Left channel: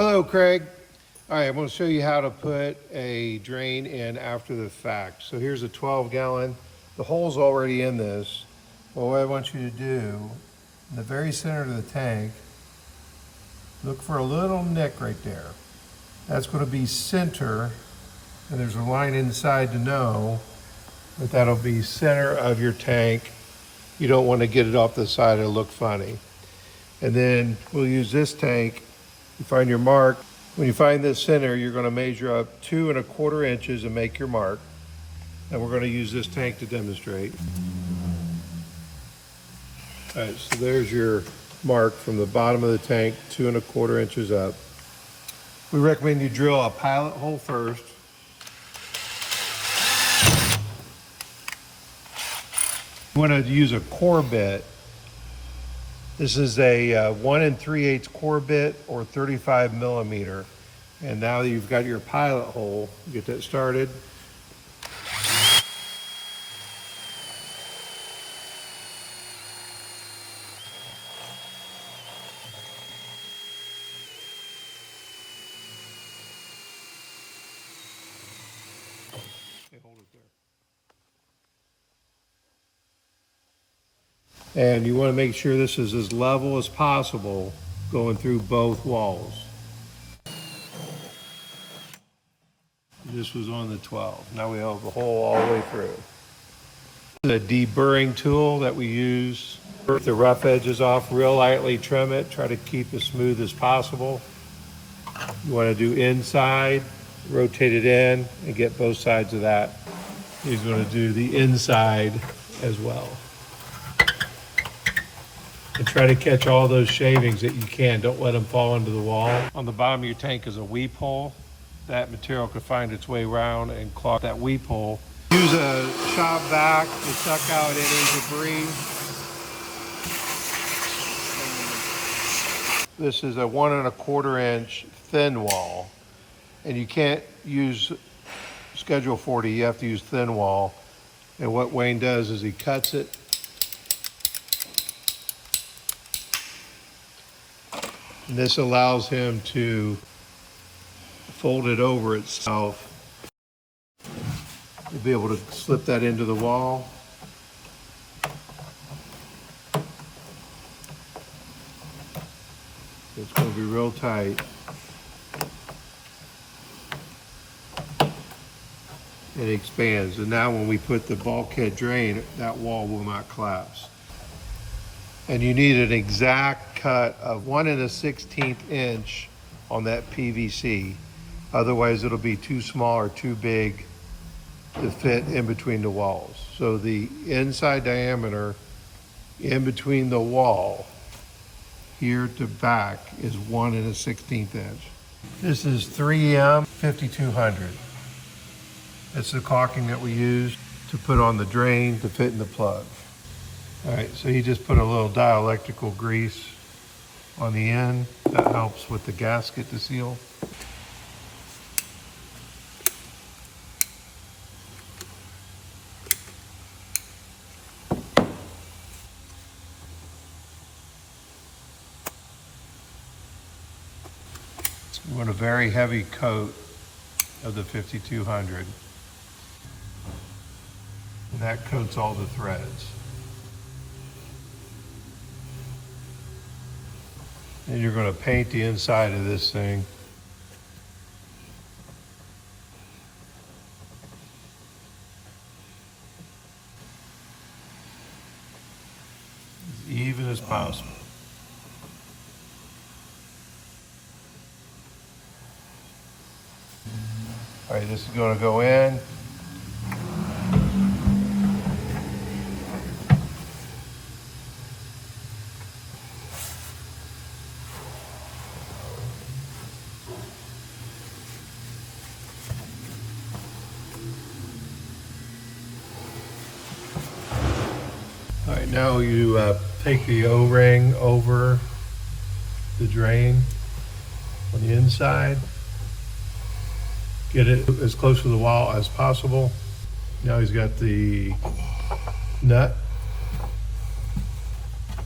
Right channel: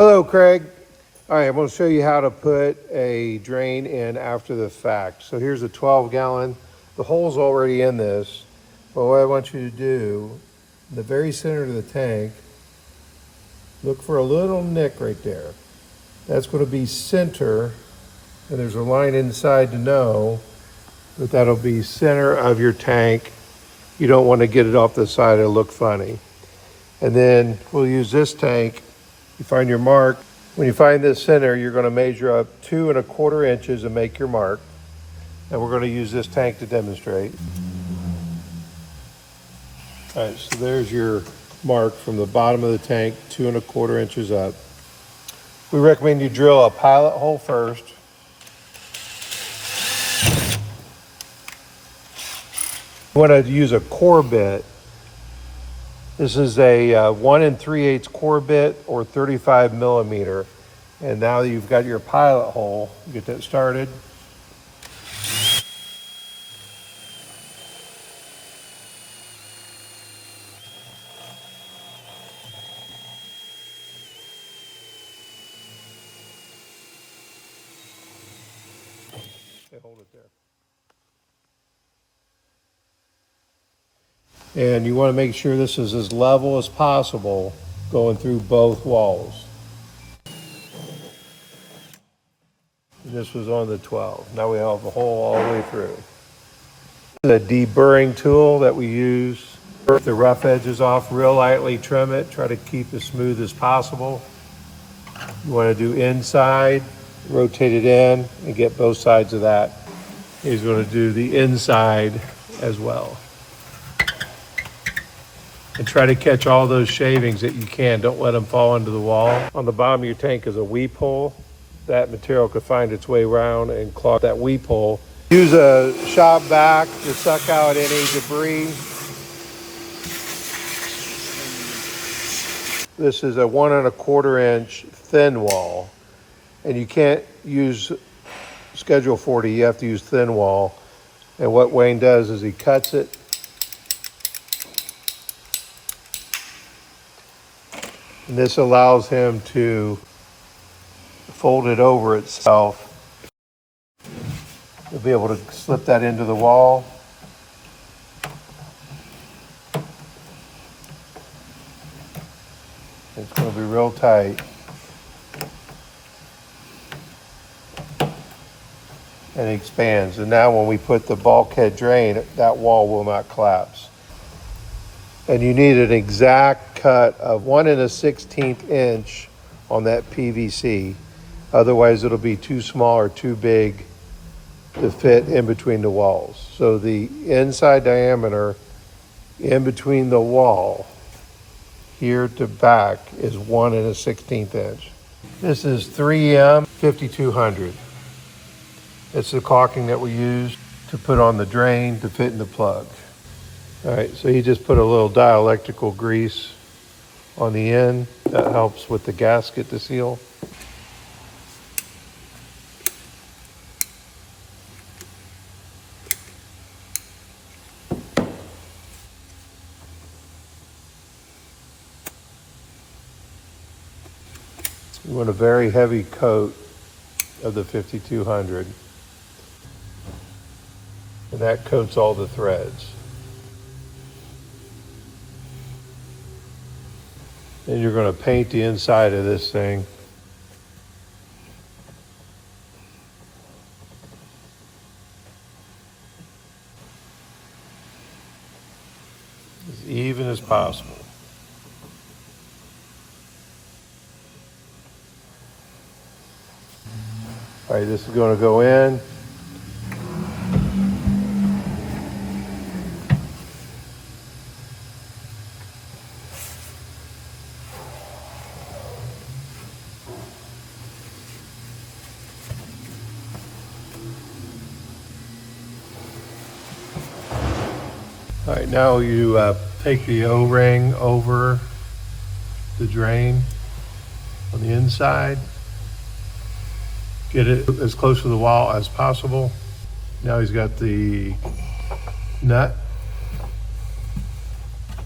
Hello, Craig. All right, I'm going to show you how to put a drain in after the fact. So here's a 12-gallon. The hole's already in this. But what I want you to do, in the very center of the tank, look for a little nick right there. That's going to be center, and there's a line inside to know that that'll be center of your tank. You don't want to get it off the side, it'll look funny. And then we'll use this tank. You find your mark. When you find this center, you're going to measure up 2 1/4 inches and make your mark. And we're going to use this tank to demonstrate. All right, so there's your mark from the bottom of the tank, 2 1/4 inches up. We recommend you drill a pilot hole first. You want to use a core bit. This is a 1 3/8 core bit or 35 millimeter. And now you've got your pilot hole. Get that started. Okay, hold it there. And you want to make sure this is as level as possible going through both walls. And this was on the 12. Now we have the hole all the way through. The deburring tool that we use, if the rough edges off, real lightly trim it, try to keep as smooth as possible. You want to do inside, rotate it in, and get both sides of that. He's going to do the inside as well. And try to catch all those shavings that you can. Don't let them fall into the wall. On the bottom of your tank is a weep hole. That material could find its way around and clog that weep hole. Use a shop vac to suck out any debris. This is a 1 1/4 inch thin wall. And you can't use Schedule 40, you have to use thin wall. And what Wayne does is he cuts it. And this allows him to fold it over itself. You'll be able to slip that into the wall. It's going to be real tight. And it expands. And now when we put the bulkhead drain, that wall will not collapse. And you need an exact cut of 1 1/16 inch on that PVC. Otherwise it'll be too small or too big to fit in between the walls. So the inside diameter in between the wall here to back is 1 1/16 inch. This is 3M 5200. It's the caulking that we use to put on the drain to fit in the plug. All right, so you just put a little dielectrical grease on the end. That helps with the gasket to seal. You want a very heavy coat of the 5200. And that coats all the threads. Then you're going to paint the inside of this thing. As even as possible. All right, this is going to go in. All right, now you take the O-ring over the drain on the inside. Get it as close to the wall as possible. Now he's got the nut,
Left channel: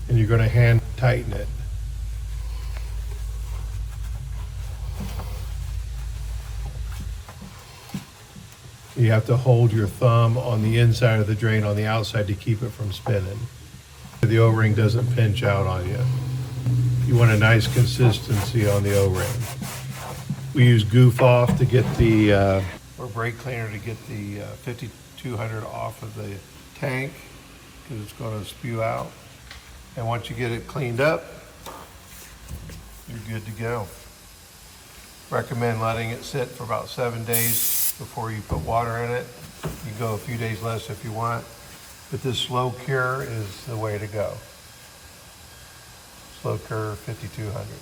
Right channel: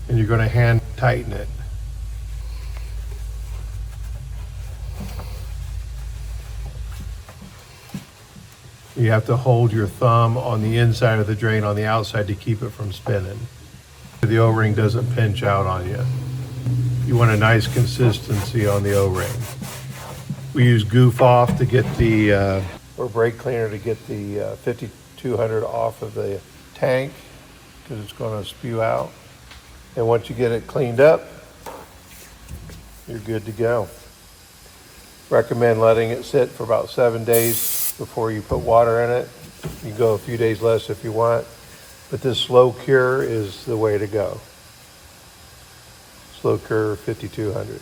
and you're going to hand tighten it. You have to hold your thumb on the inside of the drain on the outside to keep it from spinning. The O-ring doesn't pinch out on you. You want a nice consistency on the O-ring. We use Goof Off to get the, or brake cleaner to get the 5200 off of the tank, because it's going to spew out. And once you get it cleaned up, you're good to go. Recommend letting it sit for about 7 days before you put water in it. You can go a few days less if you want, but this slow cure is the way to go. Slow cure 5200.